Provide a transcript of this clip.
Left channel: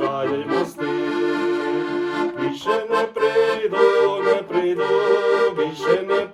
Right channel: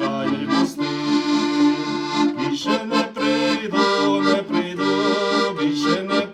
чаї мости, більше не прийду, не прийду, більше не прийду.